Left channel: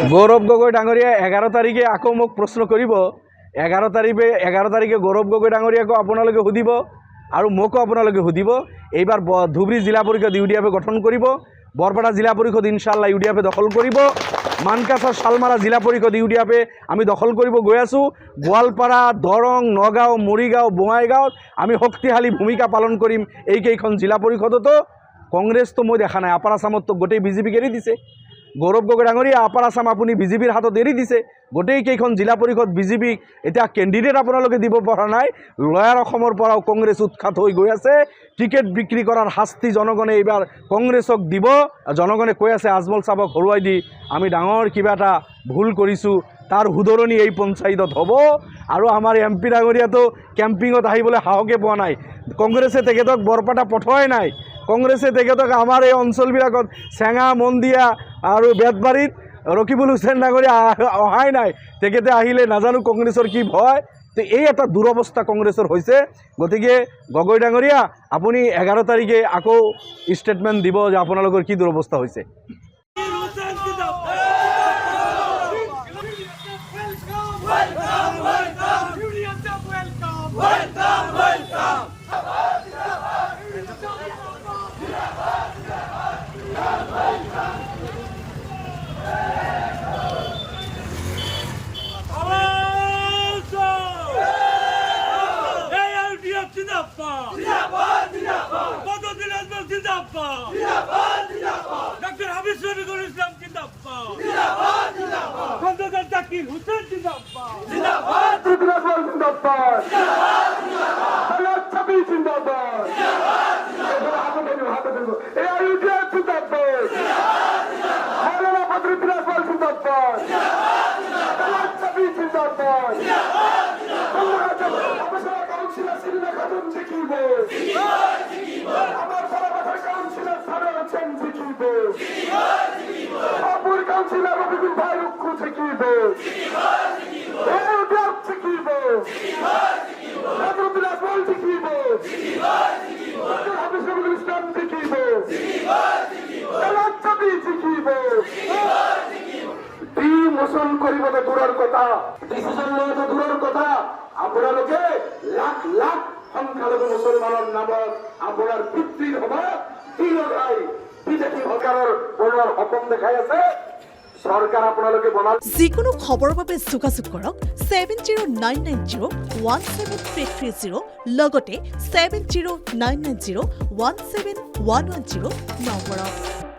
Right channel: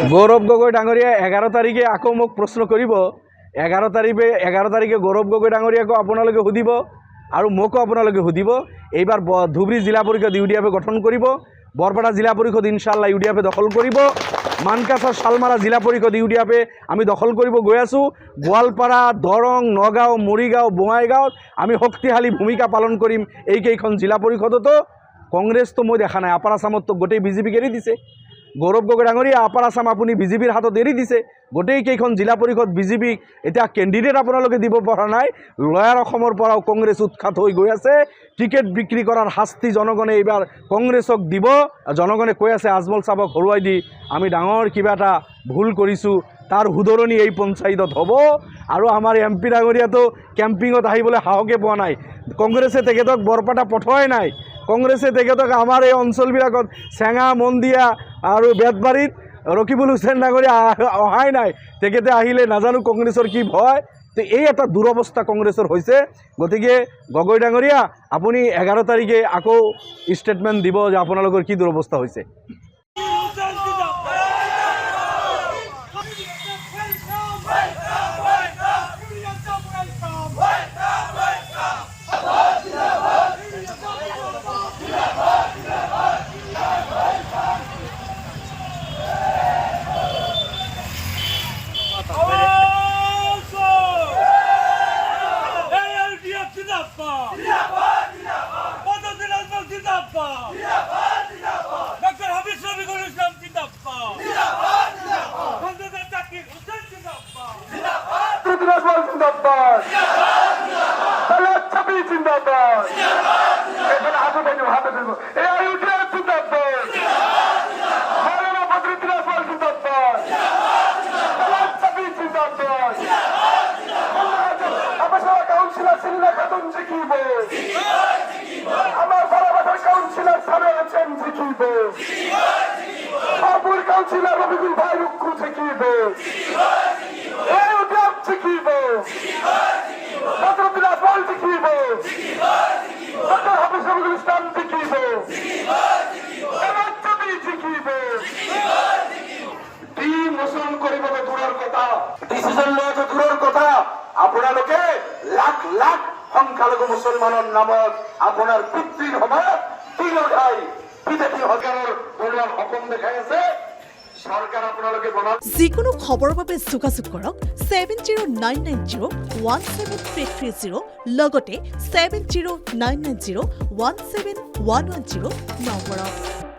গৌৰৱ গগৈ ডাঙৰীয়া 11 তাৰিখে আকৌ মোক প্ৰশ্ন কৰিব 11 তাৰিখে গৌৰৱ গগৈ ডাঙৰীয়াকো আপোনালোকে সুধিব আৰু মোকো আপোনালোকে সুধিব এইবাৰ ধুবুৰী জিলা পৰিষদ ইউডিএফে গঠন কৰিব বৰপেটা জিলা পৰিষদ ইনশাআল্লাহ ইউডিএফে দখল কৰিব মানকাছাৰ শালমাৰা জিলা পৰিষদ ইউডিএফে আমি দখল কৰিব গৈ আছোঁ গোৱালপাৰা দৰং নগাঁও মৰিগাঁও বঙাইগাঁৱত আমি শক্তিশালী ভূমিকা পালন কৰিম এইকেইখন জিলা পৰিষদতো কংগ্ৰেছটো মই দেখা নাই আপাৰ আসামতো গোটেই বিজেপিক এৰি দিছে গৌৰৱ গগৈ ডাঙৰীয়া আপাৰ আসাম আপুনি বিজেপিৰ হাতত এৰি দিছে গোটেইকেইখন জিলা পৰিষদ বিজেপিক এতিয়া কেণ্ডিডেট আপোনালোকে দিব পৰা নাই লয়াৰ অসমৰ পৰাও কংগ্ৰেছ উৎখাত হৈ গৈ আছে টিকেট বিক্ৰী কৰাৰ শাস্তি জনগণে এইবাৰ কংগ্ৰেছক দিব জনগণে কৈ আছে আজমল চাবক হৰুৱাই দি আমি ডাঙৰ কিবা এটা ভুল কৰিছোঁ তাৰ শুধৰণি এই পঞ্চায়তত হ'ব আৰু আমাৰ এমপি ডাঙৰীয়াতো কেম্পিঙত আহিবলৈ সাহসে পোৱা নাই কংগ্ৰেছে তেখেতক বৰপেটা পঠোৱাই নাই কংগ্ৰেছে তেখেতক আমাৰ এই অঞ্চলবিলাকত চেঙা মন্দিয়া আৰু বেতবাৰীত ৰকিবুল হুছেইন ডাঙৰীয়া অহাই নাই তেখেতে আহিলে নাজানো কংগ্ৰেছৰ কি ভয় তো এই এটা দুৰৱস্থা কংগ্ৰেছৰ হৈছে গতিকে গগৈ ডাঙৰীয়া আপুনি 11 তাৰিখে আকৌ ষ্টেটমেণ্ট দিব যে আপোনালোকৰ কি দুৰৱস্থা হৈছে Dr. Habib Shafeequl Islam Zindabad. Khondakar Zakir Hussain Zindabad. Zindabad. Salat Chabi Zindabad. এখানে হাতে দেবো এই ইউডিএফ জিন্দাবাদ মাওলানা বদরুদ্দিন আজমল জিন্দাবাদ সালাত চাবি জিন্দাবাদ আমার সবার কাউন্সিলর সিলিনা খাতুন জিকিব আমার বরাবর কাউন্সিলর সাবের চেন জিকিব আবুল কাউন্সিলর রবিকুল ভাই রুক্ষু জিকিব এই ইউডিএফ জিকিব বদরুদ্দিন আজমল জিকিব ডক্টর হাফিজ শফিকুল ইসলাম জিকিব সালাত চাবি জিকিব ডিমোশন কৰিব দূৰৰ কথা ডিসিশন লোৱা দূৰৰ কথা আপোনালোকে লাখ লাখ সংখ্যালঘু মুছলমানৰ নামত আপোনাৰ পিতৃৰ সময়ত তিল উঠাই বিজেপি সৰকাৰেৰ পুনৰ সপোন দেখাই আছে সৰকাৰ আপোনালোকে বনাল যিকোনো খবৰৰ বাবে যোগাযোগ কৰক 7099017330 লগতে 7099017110 নম্বৰত